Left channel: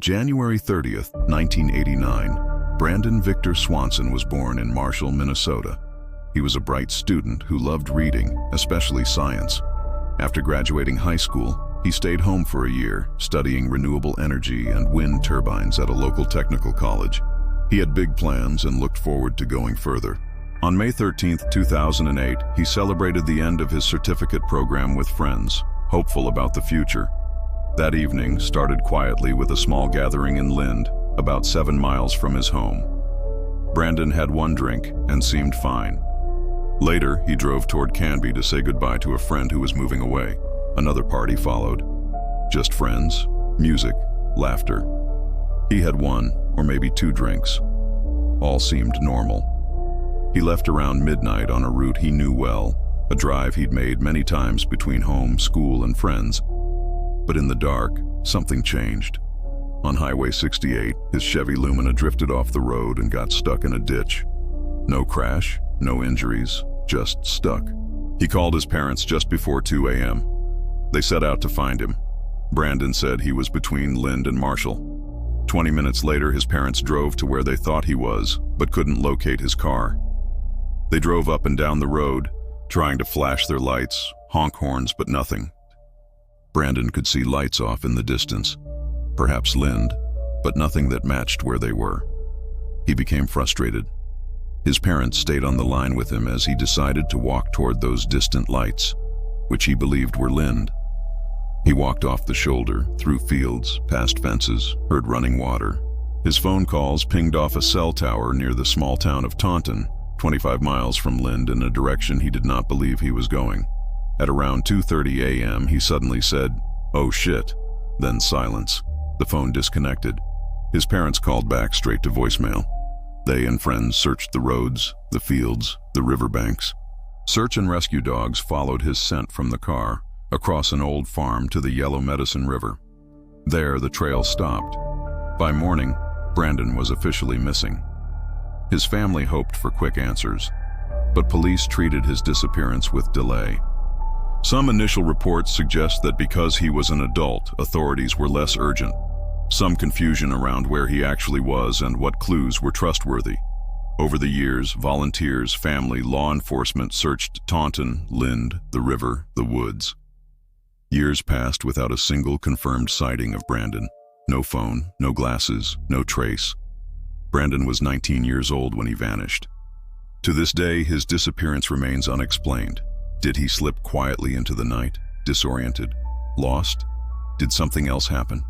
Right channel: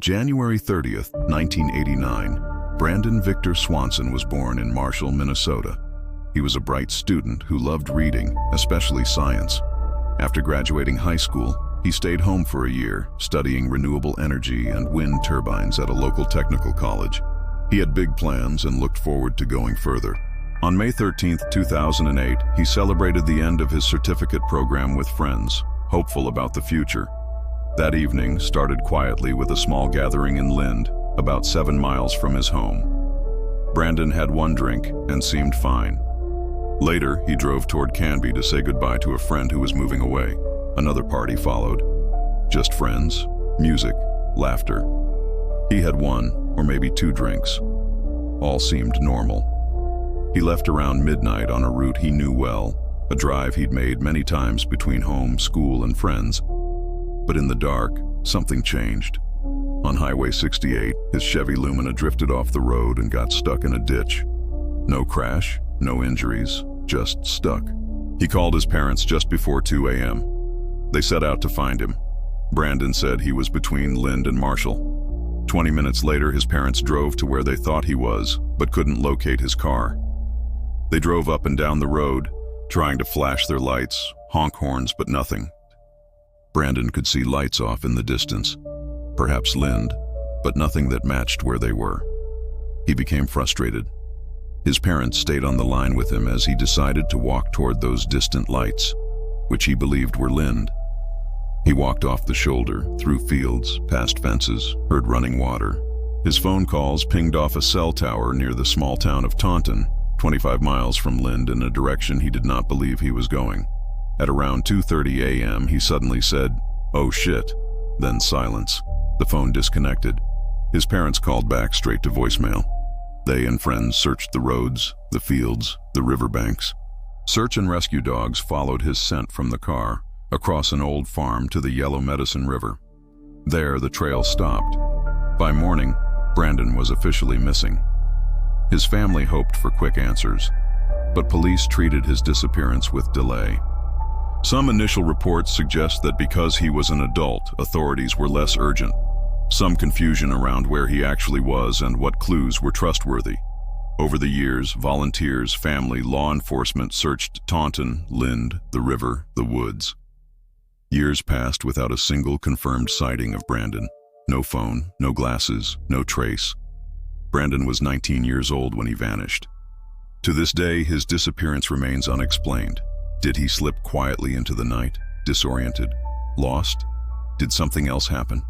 January 30th, 1989, Brandon Victor Swanson was born in Marshall, Minnesota. He was a bright student who loved reading, especially science. After graduating high school, he stayed home for a year, studying renewable energy and wind turbines at a local technical college. He had big plans and looked forward to going further. On May 13, 2008, he celebrated the end of his certificate program with friends, hopeful about the future. That evening started quietly with a small gathering in Lynd, about 7 miles from his home. Brandon had one drink and seemed fine. Later, he drove toward Canby to say goodbye to a friend who was moving away. Another party followed. Just friends, music, laughter. He had 1 or maybe 2 drinks. All seemed normal. He left around midnight on a route he knew well, a drive he'd made many times between home, school, and friends. But in the dark, something changed. On Highway 68, his Chevy Lumina drifted off the road and got stuck in a ditch. No crash, no injuries, just stuck. He called his parents just before 2 a.m. They set out to find him. Brandon said he was between Lynd and Marshall. 20 minutes later, his parents drove to where they thought he was, but couldn't locate his car. They drove up and down the road, trying to flash their lights, honk horns, but nothing. Brandon could see lights off in the distance, perhaps Lynd, but nothing that matched where they were. He became frustrated. His parents stayed on the line with him as he decided to walk toward those distant lights, which he believed were Lynd. He walked off the shoulder, through fields, past fences, heard running water. His phone calls pinged off a cell tower near the small town of Taunton, 25 miles from Lynd in a direction he did not believe he was going. At around 2:30 a.m., he suddenly said, "Oh shit," then silence. The phone disconnected. His parents called back straight to voicemail. They and friends searched the roads, the fields, the riverbanks. Search and rescue dogs followed his scent from the car, across an old farm to the Yellow Medicine River. There, the trail stopped. By morning, Brandon was officially missing. His family hoped for quick answers, but police treated his disappearance with delay. Some initial reports suggest that because he was an adult, authorities were less urgent. Some confusion around where he actually was and what clues were trustworthy. Over the years, volunteers, family, law enforcement searched Taunton, Lynd, the river, the woods. Years passed without a single confirmed sighting of Brandon. No phone, no glasses, no trace. Brandon was 19 years old when he vanished. To this day, his disappearance remains unexplained. Did he slip quietly into the night, disoriented, lost? Did something else happen?